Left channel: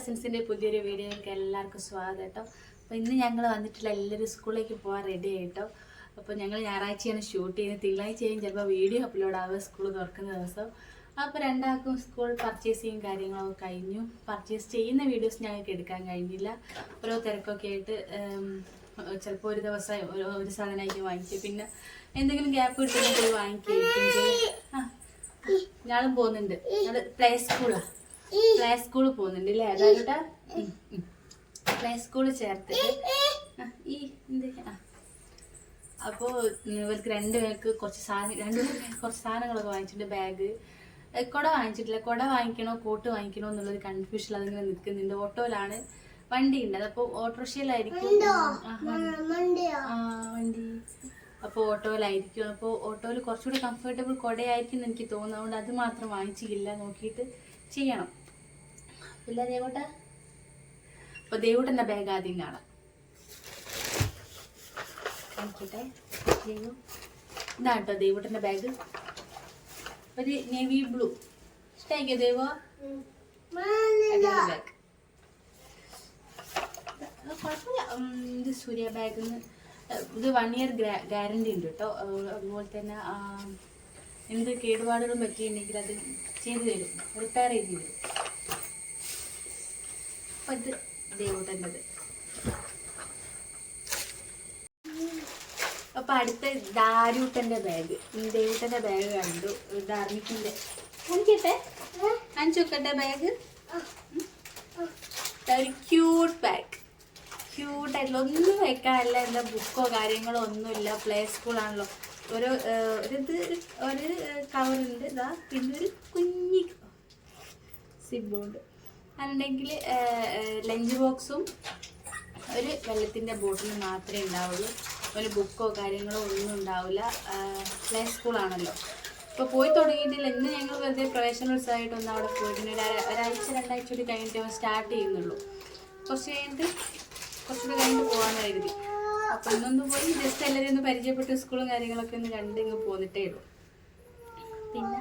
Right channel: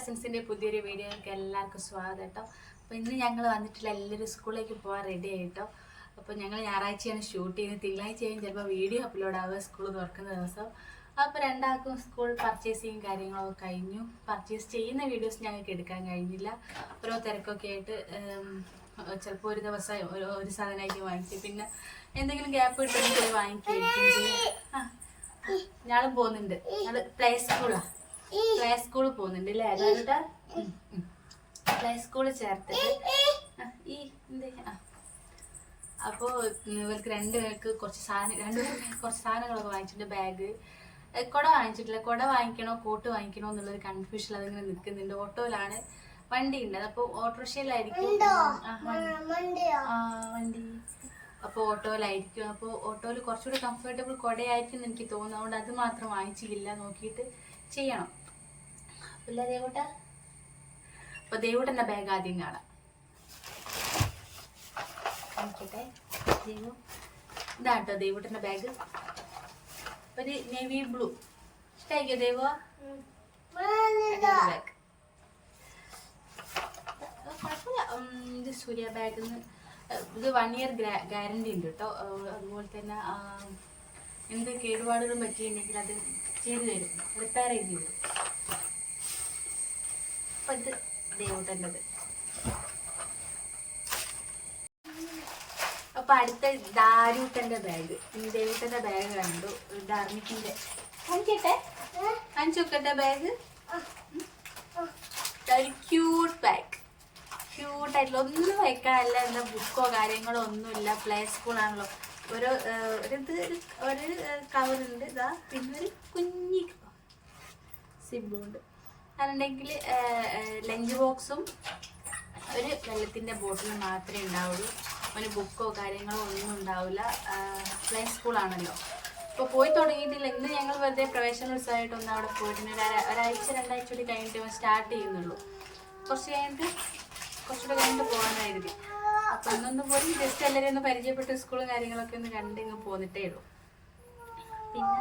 കസിൻസിൻ്റെ പുതിയൊരു വീഡിയോയിലേക്ക് എല്ലാവർക്കും സ്വാഗതം കേട്ടോ. അപ്പോൾ ഇന്ന് ഞങ്ങൾ വന്നിട്ടില്ല, എല്ലാവരും സ്കൂളിലേക്ക് പോകാൻ റെഡി ആയിട്ടോ. അപ്പോൾ ഞങ്ങൾ ഞായറാഴ്ചയാണ് ഷൂട്ട് ചെയ്യുന്നത്, തിങ്കളാഴ്ചയും ചിലപ്പോൾ വീഡിയോ അപ്ലോഡ് ആവുക സ്കൂൾ തുറക്കുന്ന ദിവസം. അപ്പോൾ രണ്ടാൾക്കും സ്കൂൾ പർച്ചേസിങ് കാര്യങ്ങളൊക്കെ കഴിഞ്ഞു. പർച്ചേസ് ചെയ്യുന്ന വീഡിയോസ് ഞങ്ങൾക്ക് എടുക്കാൻ കഴിഞ്ഞില്ല, ഓരോ തിരക്കൊക്കെ ആയിട്ട്. ചിലപ്പോൾ ഒരു ദിവസം ഒരു സാധനമായിരിക്കും വാങ്ങിക്കും, പിന്നെ എന്തെങ്കിലും ഗ്യാപ്പ് കിട്ടുമ്പോൾ പോയി വാങ്ങിക്കുകയായിരിക്കും ചെയ്യും. ഞാളും പോകുന്നുണ്ട്, ഞങ്ങൾ പ്ലേ സ്കൂളിൽ പോകുന്നുണ്ട് അല്ലേ? അതായത് പ്ലേ സ്കൂളിൽ ചേർത്തിട്ട് ഈ അപ്പോൾ ഇവർക്ക് രണ്ടുപേർക്ക് കുറച്ച് സാധനങ്ങളൊക്കെ വാങ്ങിച്ചിട്ടുണ്ട്. ബാഗ്, കുട വാങ്ങിച്ചിട്ടില്ല. കുട വാങ്ങിക്കണോ കോട്ട് വാങ്ങിക്കണോ എന്നുള്ളൊരു കൺഫ്യൂഷൻ അതിങ്ങനെ നിൽക്കുന്നുണ്ട്. ഓട്ടോയിലാണ്, വണ്ടി ഉണ്ട്. അപ്പോൾ ഓട്ടോറിക്ഷയിലായിരിക്കും വണ്ടി, അപ്പോൾ ഓട്ടോയിലായിരിക്കും. അപ്പോൾ ഓട്ടോയിൽ കുറച്ചുകൂടി കംഫർട്ടബിൾ കുടയായിരിക്കും എന്ന് എനിക്ക് തോന്നുന്നു. അതുകൊണ്ട് അത് മാത്രം വാങ്ങിച്ചില്ല, നോക്കിയിട്ട് ചെയ്യണം. ഇല്ല ദേവൂട്ട. അപ്പോൾ ദേവൂട്ടൻ്റെ ബാഗ് ആദ്യം കാണാം. കാണിക്കട്ടെ. ദേവു ഇതാട്ടോ ദേവൂട്ടൻ്റെ ബാഗ്, ഒരു നേവി ബ്ലൂ. ഇഷ്ടമായിക്കോ ദേവോ? ബാഗ് കുഴപ്പമില്ല. ഇത് സൂര്യ ബാഗിൽ നിന്ന് ഇത് 1 year ഗ്യാരണ്ടി ഉണ്ട് കേട്ടോ. അതുപോലെ തന്നെ എന്ത് കേടുപാടുകളും പറ്റിയിട്ടുണ്ടെങ്കിൽ അത് ചെയ്തു തരും, റിപ്പയർ ചെയ്ത് തരും. അപ്പോൾ ഇത് ദേവൂട്ടൻ്റെത്. അപ്പോൾ അടുത്ത ദാരൂട്ടൻ്റെ ബാഗ്. ദേവൂട്ടൻ്റെ ബാഗ് കണ്ടു, ധാർമ്മിക്കിൻ്റെ. കാണിച്ചു നോക്കട്ടെ ബാഗ്. ഒരു ക്യൂട്ട് ബാഗ്, ക്യൂട്ടായിട്ടുള്ള, ഒന്നും വെക്കാനല്ല, എന്താ ബുക്കോ കാര്യങ്ങളോ ഒന്നുമില്ല. പ്ലേ സ്കൂളാണല്ലോ. ഒരു കവറുണ്ട്, ഇതാ. പിന്നെ ഒരു കുഞ്ഞി സിബുണ്ട്. അതുണ്ടെങ്കിൽ ലഞ്ച് ബോക്സും ഒരു വെള്ളത്തിൻ്റെ ബോട്ടിൽ മാത്രമേ ഉണ്ടാവുള്ളൂ. ഒരു ബുക്കോ കാര്യങ്ങളോ ഒന്നും ഉണ്ടാവില്ല. പ്ലേ സ്കൂളാണല്ലോ. ഇപ്പോൾ പോയി തുടങ്ങിയിട്ടില്ല. ഇന്ന് ഞങ്ങൾ വെറുതെ പ്രവേശനോത്സവമായിട്ടൊന്നും അവിടെ പോയിട്ടുണ്ട്. ഒരാഴ്ച 2 ആഴ്ച കൂടി കഴിഞ്ഞിട്ട് സ്റ്റാർട്ട് ചെയ്യുന്നുള്ളൂ. കുറച്ചുകൂടെ കഴിഞ്ഞിട്ട് പോകാമെന്ന് കരുതി. അപ്പോൾ ഇന്നൊന്ന് പോയി ജസ്റ്റ് എല്ലാവരും ഒന്ന് പരിചയപ്പെട്ട് സ്കൂളും കാര്യങ്ങളൊക്കെ ഒന്ന് കണ്ട് ഇങ്ങ് പോന്നിട്ടേ ഉള്ളൂ. പിന്നെ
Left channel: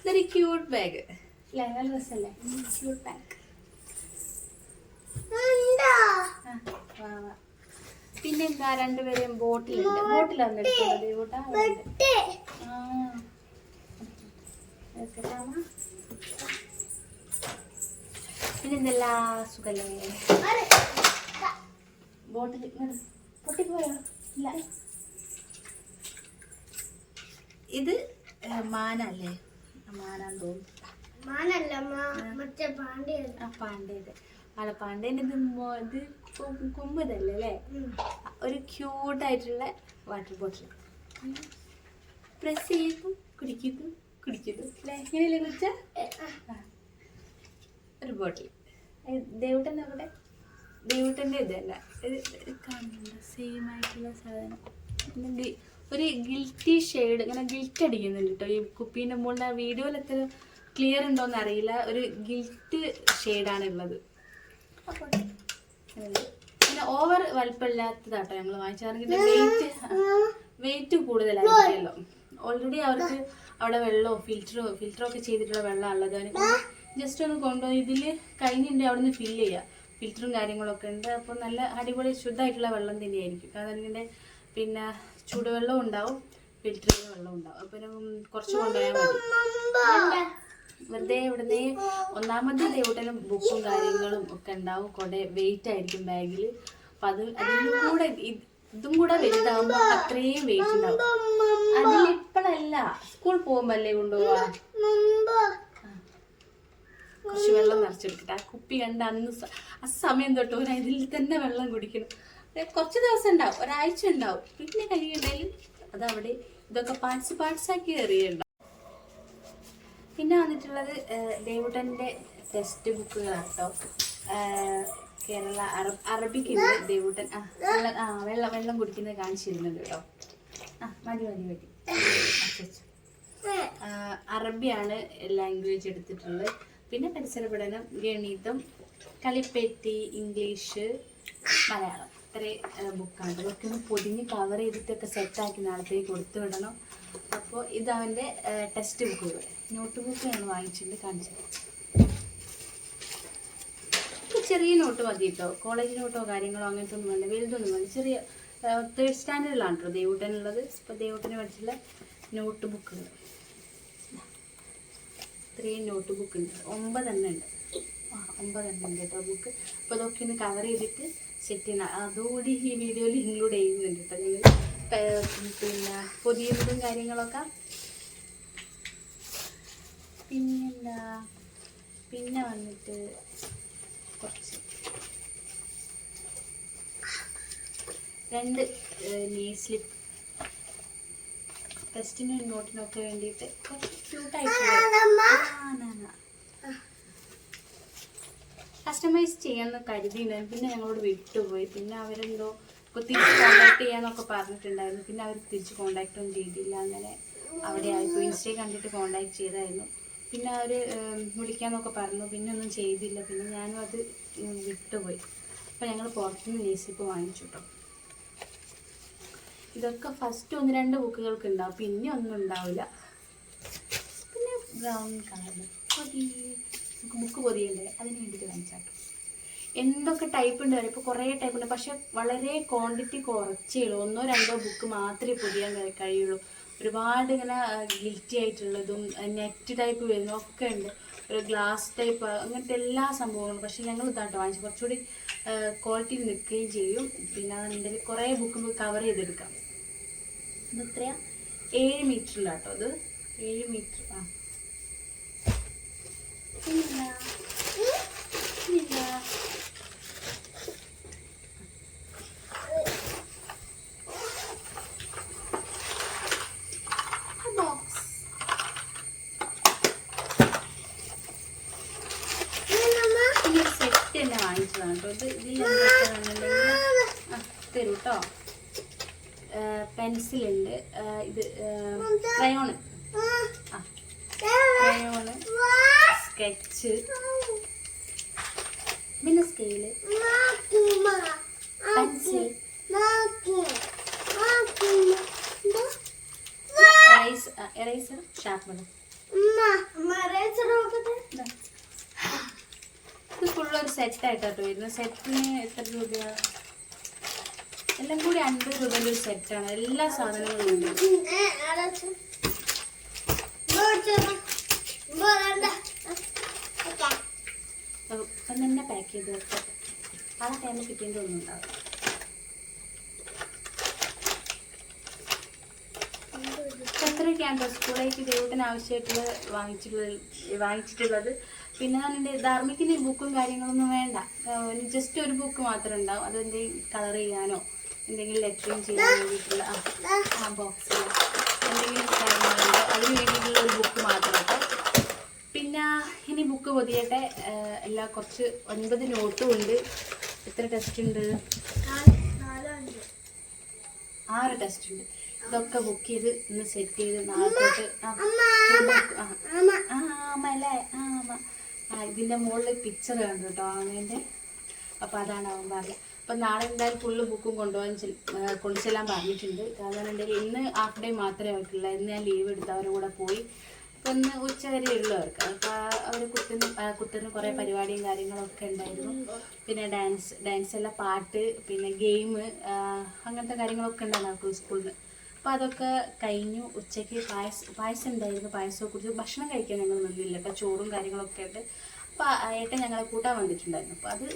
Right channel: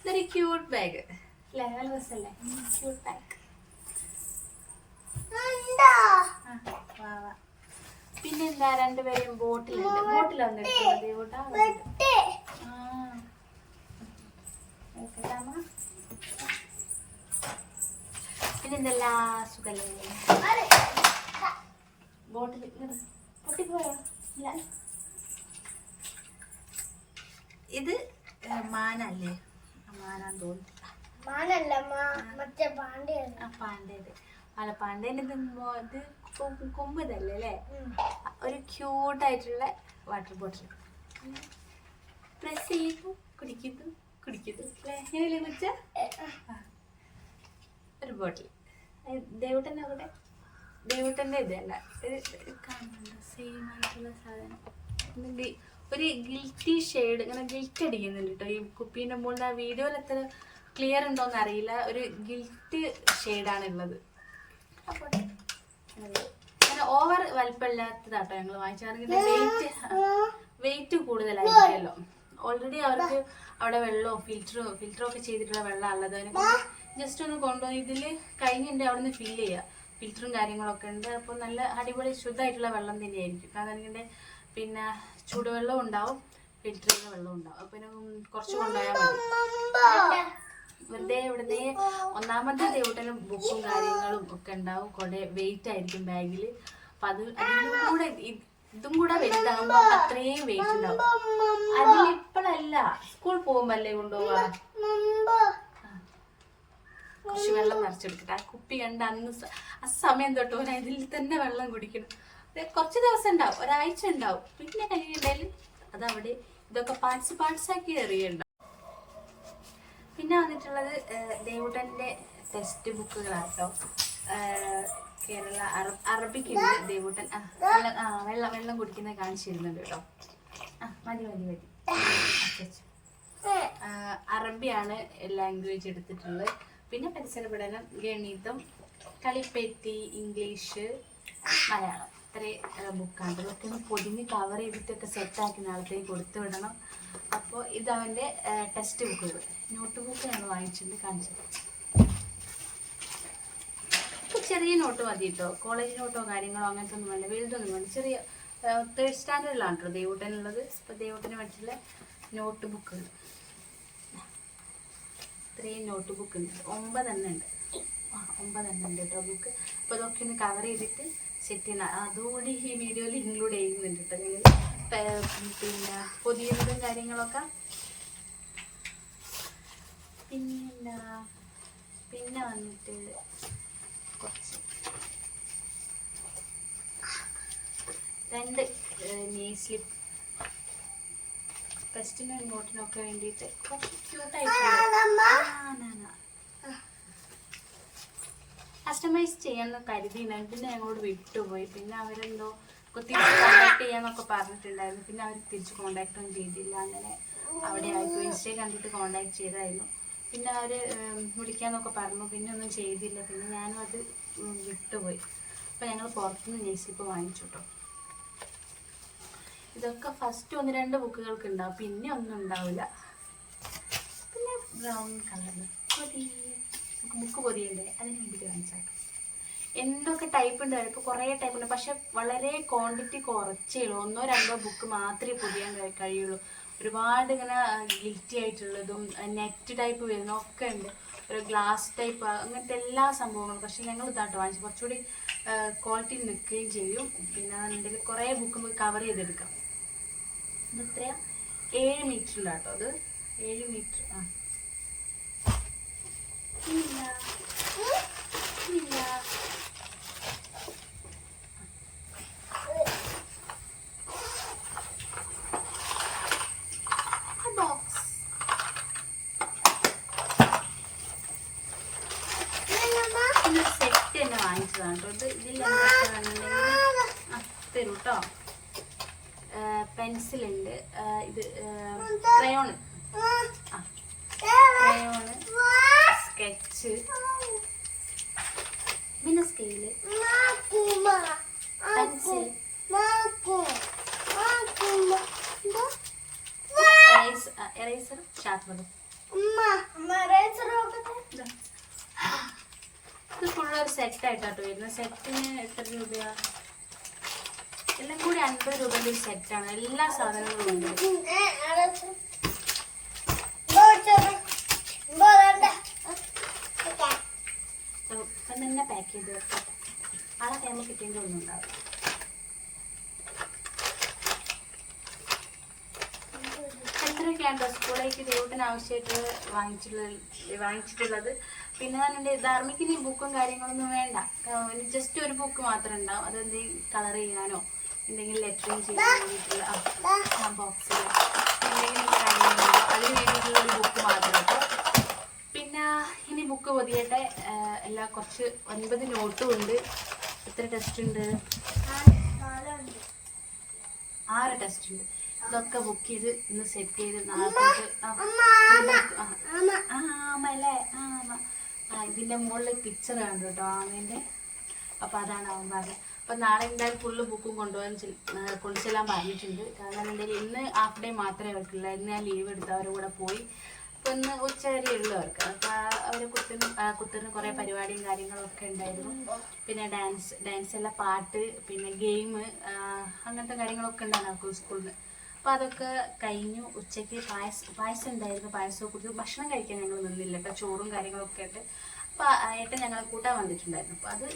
ഇതൊരു ക്യൂട്ട് ബാഗ് അല്ലേ? നല്ല രസമല്ലേ? Cute bag. പിന്നെ എന്താ, രണ്ടുപേരെയും ബോട്ടിലുണ്ട്. ബോട്ടിലാണ് എടുക്കുന്നത് ദേവൂട്ടാ. പിന്നെ എന്തെല്ലാം സുഖല്ലേ? ബോട്ടിൽ പൊട്ടിപ്പോയോ? ഇല്ല. ഇത് മാനല്ലേ? മാനാന്ന് തോന്നുന്നു. പാണ്ടേത് അല്ല, പാണ്ടേൻ്റെ ഇത് കൊമ്പ് ഇതല്ലേ അല്ലേ? ഒരു ക്യൂട്ടായിട്ടുള്ള വാട്ടർ ബോട്ടിൽ. പ്രസ് ചെയ്യുന്നു, കുടിക്കുന്നു അല്ലേ? എങ്ങനെയല്ലേ കുടിച്ച ഒരു ബോട്ടിൽ. ദേവൂട്ടൻ്റെ അവിടെ, ദേവൂട്ടൻ്റെ ഇതല്ല, ഇത് കാണുന്നുണ്ട്. സെയിം ആയിട്ടുള്ള സാധനം. ഒരു ഗിൽറ്റി ഷെയ്ഡ്, ഇങ്ങനെ ഗിൽറ്റ് അടിക്കുന്നുണ്ട് കേട്ടോ ഈ കുപ്പീൻ്റെ മുകളിൽ. ആ വീഡിയോയിൽ എത്ര ക്ലിയർ ഉണ്ടോയെന്ന് അറിയില്ല. ഒരു ഗിൽറ്റ് ഷെയ്ഡാണുള്ളത്. അപ്പോൾ അങ്ങനെ ഓവർ വലിപ്പമില്ലാത്തതാട്ടോ ഞങ്ങൾ വാങ്ങിച്ചാണെങ്കിൽ. വെയിറ്റ് കൂടുതലായിരിക്കുമല്ലോ. ഓൾറെഡി അവർക്ക് അവിടെ വെള്ളമോ ഫിൽറ്ററോ ഒക്കെ ചെയ്തിട്ടുള്ള വെള്ളമുള്ളത്. അതിനെ ജസ്റ്റ് ഒന്ന് കൊണ്ടുപോയി ഇതിൽ കഴിഞ്ഞിട്ടുണ്ടെങ്കിൽ അവിടെ നിന്ന് ഫില്ല് ചെയ്യുക. ഫിൽറ്ററും കാര്യങ്ങളൊക്കെ ഉണ്ട്. അപ്പോൾ നല്ല അടിപൊളി ശുദ്ധമായിട്ടുള്ള വെള്ളം തന്നെയായിരിക്കും. അതെനിക്ക് പിന്നെ ചൂടുവെള്ളവും ഉണ്ടാവും, ഫിൽറ്റർ ചെയ്ത വെള്ളം ഉണ്ടാവും. അപ്പോൾ കുറച്ച് കൊണ്ടുപോയാൽ മതി. വെറുതെ ഇവിടുന്ന് ഒന്നാമത്തെ ദേവൂട്ടനും ബുക്കും കാര്യങ്ങളും ഒക്കെ ഉണ്ടാവും. കുറെ വെയിറ്റ് ആയിരിക്കും ബാഗിൽ. അപ്പം ഇതും കൂടെ വലുതാകുമ്പോൾ അത്രയും വെയിറ്റ് ഉണ്ടാവും. അതിലിപ്പോഴല്ല, സ്കൂൾ പോകുമ്പോൾ അല്ലേ കൊണ്ടുപോവാ. കുറച്ച് വെള്ളം നിറച്ചെടുക്കട്ടെ. ആ കുപ്പി കണ്ട് ആ സമയം തൊട്ട് ഇതിൽ തന്നെ വെള്ളം കുടിക്കണം. കുറച്ച് ദിവസം ഉണ്ടാവും, ഒരാഴ്ച ഉണ്ടാവും. പിന്നെ കഴിയുണ്ടെങ്കിൽ അതവിടെ ഇതൊക്കെ പാർട്സാക്കി എറിയണ്ട. പിന്നെ വന്നിട്ടുള്ളത് ദേവൂട്ടൻ്റെ ടെക്സ്റ്റ് ബുക്കുകളാണ് കേട്ടോ. കേരള അറബിക്കുണ്ട് ദേവൂട്ടൻ. വെള്ളം കുടിക്കുന്നത് കാണിച്ചു തരുന്നുണ്ട് കേട്ടോ. മതി. അറബിയാണ് ലാംഗ്വേജ് എടുത്തിട്ടുള്ളത്. പിന്നെ പരിസര പഠനം, ഗണിതം, കളിപ്പെട്ടി, ഇംഗ്ലീഷ്, മലയാളം. ഇത്രയും ബുക്കാണ്. ഇതൊക്കെ ഒന്ന് പൊതിഞ്ഞ് കവർ ചെയ്തിട്ടൊക്കെ സെറ്റാക്കി നാളത്തേക്ക് കൊടുത്തു വിടണം. അപ്പോൾ ഇതവൻ്റെ ടെക്സ്റ്റ് ബുക്കുകൾ, നോട്ട് ബുക്ക് ഞാൻ വാങ്ങിച്ചിട്ടുണ്ട്, കാണിച്ചത്. ചെറിയ നോട്ട് മതി കേട്ടോ. കോളേജ് നോട്ടോ കാര്യങ്ങളോ അങ്ങനത്തെ ഒന്നും വേണ്ട, വലുതൊന്നും വേണ്ട. ചെറിയ 3rd സ്റ്റാൻഡേർഡിലാണ് കേട്ടോ ദേവൂട്ടനുള്ളത്. ഇപ്പോൾ ദേവൂട്ടന് പഠിച്ചുള്ള നോട്ട് ബുക്കുകൾ, ഇത്രയും നോട്ട് ബുക്ക് ഉണ്ട്, 9 എണ്ണം ഉണ്ട്. 9 എണ്ണം ഉണ്ട് കേട്ടോ ബുക്ക്. അപ്പോൾ അതൊക്കെ ഒന്ന് കവർ ചെയ്തിട്ട് സെറ്റ് ചെയ്യണം. അതുകൂടി ഈ വീഡിയോയിൽ ഇൻക്ലൂഡ് ചെയ്യുന്നുണ്ട് കേട്ടോ നിങ്ങൾ. പിന്നെ പുതിയതും കാര്യങ്ങളൊക്കെ. പിന്നെ വന്നിട്ട് കുറച്ച് 2 നീ സ്ലിപ്പ് ടെസ്റ്റിനും നോട്ടിനൊക്കെ വേണ്ടിയിട്ട് കുറച്ച് ക്യൂട്ടായിട്ടുള്ള കസ്റ്റമൈസ് ചെയ്യാമെന്ന് കരുതിയിട്ടുണ്ടായിരുന്നു. പിന്നെ ഞങ്ങളോട് വിട്ടുപോയി. പിന്നെ അവരെന്തോ തിരിച്ച് കോണ്ടാക്ട് ചെയ്യാന്നൊക്കെ പറഞ്ഞിട്ടുണ്ടായിരുന്നു. പിന്നെ അവർ തിരിച്ച് കോണ്ടാക്ട് ഒന്നും ചെയ്തില്ല. അങ്ങനെ അവിടെ ആയിപ്പോയി. ഇൻസ്റ്റയിൽ കണ്ടിട്ട് കോണ്ടാക്ട് ചെയ്തായിരുന്നു. പിന്നെ അവർ വിളിക്കാമെന്നൊക്കെ പറഞ്ഞു. പിന്നെ ഒന്നും ചെയ്തില്ല. പിന്നെ ഞാനും അത് വിട്ടുപോയി. അപ്പോൾ ഞങ്ങൾ പുറത്തുനിന്ന് നെയ്സ്ലിപ്പ് വാങ്ങിച്ചു കേട്ടോ. ഇതൊക്കെ ഫസ്റ്റ് 1-2 ബുക്കുകൾക്ക് ഉണ്ടാവും, പിന്നെ ഒന്നും ഉണ്ടാവില്ല. പിന്നെ ബ്രൗൺ കളറിൽ പൊതി, നമുക്ക് ബുക്ക് പൊതിയണ്ടേ, അതിന് വേണ്ടിയിട്ട് വാങ്ങിച്ചാട്ടോ. എന്തൊക്കെ ടൈപ്പ് ഉണ്ട്, ഇപ്പോൾ കുറേ ടൈപ്പ് ഉണ്ട്. പക്ഷെ വളരെ ക്വാണ്ടിറ്റി കുറച്ചേ ഉള്ളൂ. 1-2 ബുക്ക് മാത്രമേ പൊതിയാൻ കഴിയുള്ളൂ. ഒരുപാട് ഇങ്ങനെ ഗിൽറ്റി ആയിട്ടുള്ളതും നെറ്റ് ടൈപ്പ് വരുന്നതൊക്കെ ഉണ്ട്, ഒരു ഗ്ലാസ് ടൈപ്പ്, അങ്ങനത്തെ എല്ലാ സംഭവങ്ങളും. പക്ഷേ ഞങ്ങൾ ഇതാട്ടോ വാങ്ങിച്ചു, കുറച്ചുകൂടി ക്വാളിറ്റി നിൽക്കുകയും ചെയ്യും. പിന്നെ അതെന്തെങ്കിലും കുറേ ബുക്ക് നമുക്ക് കവർ ചെയ്തെടുക്കാം. ഇത് എത്രയാ, 7 മീറ്ററിലാട്ടോ അത്, 7 മീറ്റർ. സെറ്റ് തന്നെ വാങ്ങിച്ചതാണ് കേട്ടോ. ഇത് ഇതിലെന്തൊക്കെയാണെന്നുണ്ടെങ്കിൽ തരൂ കേട്ടോ. പെൻസിലുണ്ട്, ഇത് ക്രയോണ്, ക്രയോണ്, സ്കെച്ച്, പിന്നെ സ്കെയില്, പെൻസിൽ, എറൈസർ, ഷാർപ്പനറും. ഇത് ഫുള്ളൊരു സെറ്റായിട്ടാട്ടോ വരുന്നത്. സെറ്റിന് എത്ര രൂപയാണ്? എല്ലാം കൂടി 50 രൂപയുടെ ഒരു സെറ്റാണ്. എല്ലാ സാധനങ്ങളും ഉണ്ട്. അപ്പം തന്നെ പാക്ക് ചെയ്ത് വെക്കട്ടെ. ആ ടൈമിൽ കിട്ടിയതിൻ്റെ ഒന്നും ഉണ്ടാവും. എത്രയൊക്കെയാണോ സ്കൂളിലേക്ക് ദേവൂട്ടിന് ആവശ്യമായിട്ടുള്ളത് വാങ്ങിച്ചിട്ടുള്ളത്. പിന്നെ എൻ്റെ ധാർമ്മിക്കിന് ബുക്കും കാര്യങ്ങളൊന്നും വേണ്ട. ജസ്റ്റ് ഒരു ബുക്ക് മാത്രം ഉണ്ടാവും. അതെന്തെങ്കിലും കളർ ചെയ്യാനോ എന്തെങ്കിലും ലെറ്ററിങ് ചെയ്യാൻ വേണ്ടിയിട്ടുള്ള ആ ബോക്സിൽ എന്തെങ്കിലും കാര്യങ്ങളുണ്ടോ അതിന് വേണ്ടിയിട്ടുള്ള ഒരു ബുക്ക് മാത്രം കേട്ടോ. പിന്നെ ഇനി ബുക്ക് പൊതിയട്ടെ. എല്ലാം കുറച്ച് 9 നോട്ടും ഉണ്ട്. എത്ര ടെസ്റ്റ് ഉണ്ട്? 6 ടെസ്റ്റ് ഉണ്ട്. ഇതൊക്കെ ബുക്ക് ചെയ്ത് ഇന്ന് സെറ്റ് ചെയ്ത് നാളെ തൊട്ട് ആമല്ലേ ഇതിൻ്റെ മുകളിൽ പിക്ചർ കണ്ടു കേട്ടോ ആമേൻ്റെ. അപ്പോൾ അതാണ് അവൻ പറഞ്ഞത്. അപ്പം നാളെ എന്തായാലും ഫുള്ള് ബുക്കും കൊണ്ടു ചെല്ലാൻ പറഞ്ഞിട്ടുണ്ട്. കാരണം എന്തായാലും ഇന്ന് ഹാഫ് ഡേ മാത്രമേ അവർക്കുള്ളൂ. ഇന്ന് ഞാൻ ലീവ് എടുത്ത് അവരുടെ കൂടെ പോയി. അപ്പോൾ ഇന്ന് ഉച്ച വരെ ഉള്ളവർക്ക്. അപ്പോൾ അവർ കുത്തറിന് കുറേ പരിപാടിയും കാര്യങ്ങളൊക്കെ ഉണ്ടായിരുന്നു. പിന്നെ ഡാൻസ് എല്ലാം, പാട്ട്, പിന്നെ ഗെയിം, അങ്ങനത്തെ കാര്യങ്ങളൊക്കെ ഉണ്ടായിരുന്നു അവർക്ക് സ്കൂളിൽ നിന്ന്. അപ്പോൾ അതൊക്കെ കഴിഞ്ഞു. ഉച്ചയ്ക്ക് പായസം ഉണ്ടായിരുന്നു. പായസമൊക്കെ കുടിച്ചു. ഭക്ഷണം കഴിക്കാൻ ഞങ്ങൾ നിന്നില്ല കേട്ടോ. ചോറും കാര്യങ്ങളൊക്കെ ഉണ്ട്. അപ്പോൾ ഏട്ടൻ ഞങ്ങളെ കൂട്ടാൻ വന്നിട്ടുണ്ടായിരുന്നു. അപ്പോൾ അത്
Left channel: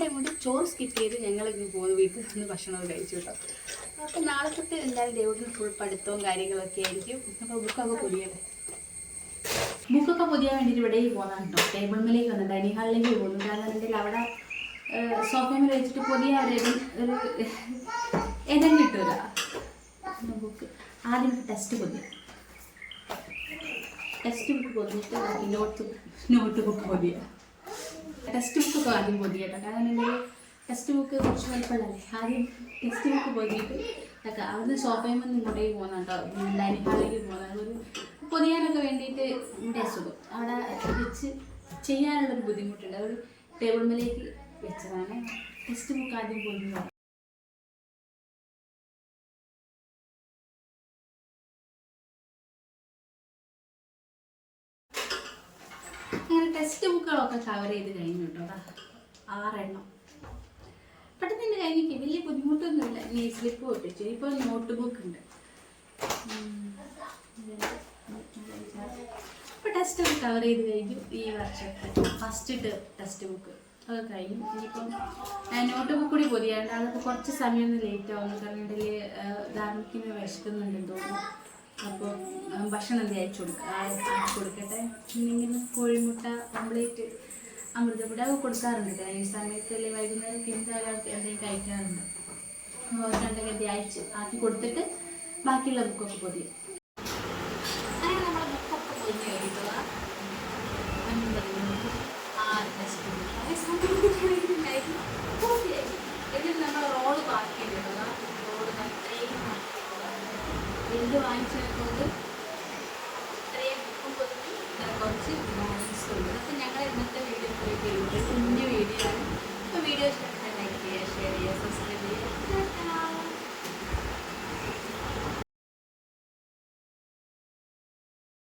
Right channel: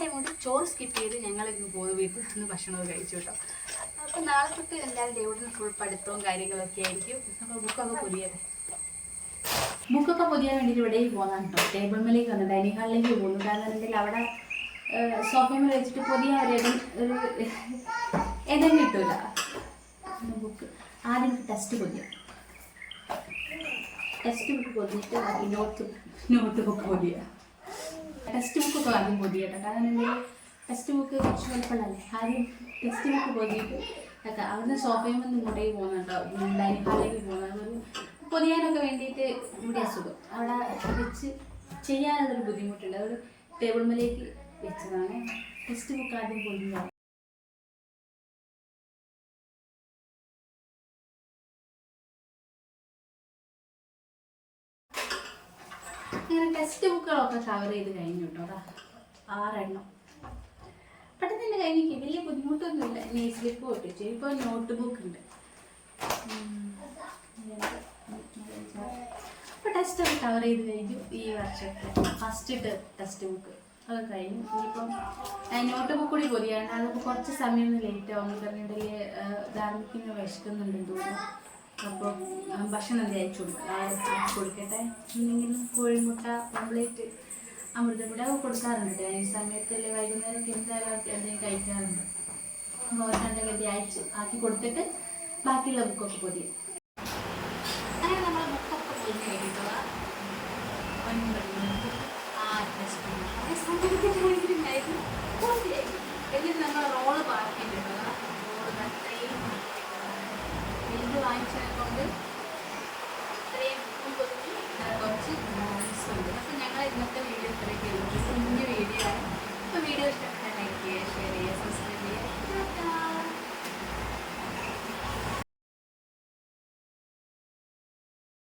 ടൈം കൊണ്ട് ചോറ് സ്കിപ്പ് ചെയ്ത് ഞങ്ങൾ ഇന്ന് പോകുന്ന വീട്ടിൽ നിന്ന് ഭക്ഷണമൊക്കെ കഴിച്ചു കേട്ടോ. അപ്പോൾ നാളെ തൊട്ട് എന്തായാലും ദേവൂട്ടിന് ഫുൾ പഠിത്തവും കാര്യങ്ങളൊക്കെ ആയിരിക്കും. അപ്പോൾ ബുക്കൊക്കെ പൊതിയട്ടെ. ബുക്കൊക്കെ പൊതിയാൻ വേണ്ടിയിട്ട് ഇവിടേക്ക് പോകുന്നതാണ് കേട്ടോ. ടേബിൾ മേലേക്ക് വന്നു, ഡൈനിങ് ഹാളിലേക്ക് പോകുന്നു. കാരണം എന്തായാലും അവിടെ സോഫയിൽ വെച്ചിട്ട് പൊതിയാൻ ഒരു ഇടം കിട്ടൂല. ബുക്ക് ആദ്യം ടെക്സ്റ്റ് പൊതിയാം. ടെക്സ്റ്റ് ബുക്ക് പൊതിഞ്ഞിട്ട് ബാക്കി നോട്ട് ബുക്ക് പൊതിയാം. ടെക്സ്റ്റ് ബുക്കൊക്കെ ആദ്യം പൊതിയട്ടെ. കാരണം എന്തെങ്കിലും ടെക്സ്റ്റ് ബുക്ക് കുറച്ച് വലിപ്പമുള്ളല്ലേ. ആദ്യം ടെക്സ്റ്റ് ബുക്ക് പൊതിയിട്ട് ഒക്കെ അവിടുന്ന് സോഫയിൽ നിന്ന് ഇങ്ങോട്ടേക്ക് പോകുന്നുണ്ടോ, ഡൈനിങ് ഹാളിലേക്ക് പോകുന്നത്. ഒരു പൊതിയാനൊക്കെ വേണ്ടിയിട്ട് ഇവിടെ അസുഖം അവിടെ വെച്ച് ചെയ്യാനുള്ളൊരു ബുദ്ധിമുട്ടുണ്ട്. അവിടെ ടേബിൾ മേലേക്ക് വെച്ചതാണ്. ടെക്സ്റ്റ് ബുക്ക് ആദ്യം പൊതിഞ്ഞു. അങ്ങനെ ടെക്സ്റ്റ് ബുക്കുകളൊക്കെ കവർ ചെയ്ത് കഴിഞ്ഞു കേട്ടോ. 6 എണ്ണം. പെട്ടെന്ന് തന്നെ കഴിഞ്ഞിരിക്കും, വലിയ ബുദ്ധിമുട്ടൊന്നുമില്ല. നെയിൽ സ്ലിപ്പ് പൊട്ടിച്ചു. ഇപ്പോൾ നോട്ട് ബുക്ക് ഉണ്ട്. അപ്പോൾ ടെസ്റ്റ് ഒക്കെ കവർ ചെയ്ത് കഴിഞ്ഞു. ഈ വർഷത്തെ ഫസ്റ്റ് ടെക്സ്റ്റ് ബുക്ക് അത് കഴിഞ്ഞു. ഇനിയിപ്പം നോട്ട് ബുക്ക് കൂടി പൊതിയാണ്ട് അതൊക്കെ കുറച്ച് സമയം ഒന്ന് ലേറ്റ് ആവും. പറഞ്ഞിട്ടുണ്ടെങ്കിൽ ധാർമ്മിക്കിന് വിശക്കുന്നുണ്ടെന്ന് തോന്നുന്നു. അപ്പോൾ ഭക്ഷണം എന്തെങ്കിലും ആക്കി കൊടുക്കട്ടെ. ഇങ്ങനെ കോഴിമുട്ട, ഓംപ്ലേറ്റ്, അമൃതപ്പൊടി ഒക്കെ കൊടുക്കാറുണ്ട്. ഈ സമയത്തല്ലേ വൈകുന്നേരം എന്തായാലും എന്തെങ്കിലും കഴിക്കാറുണ്ട്. അപ്പോൾ എന്തെങ്കിലും ആക്കി കൊടുത്തിട്ട് ബാക്കിയുള്ള ബുക്കൊക്കെ പൊതിയും.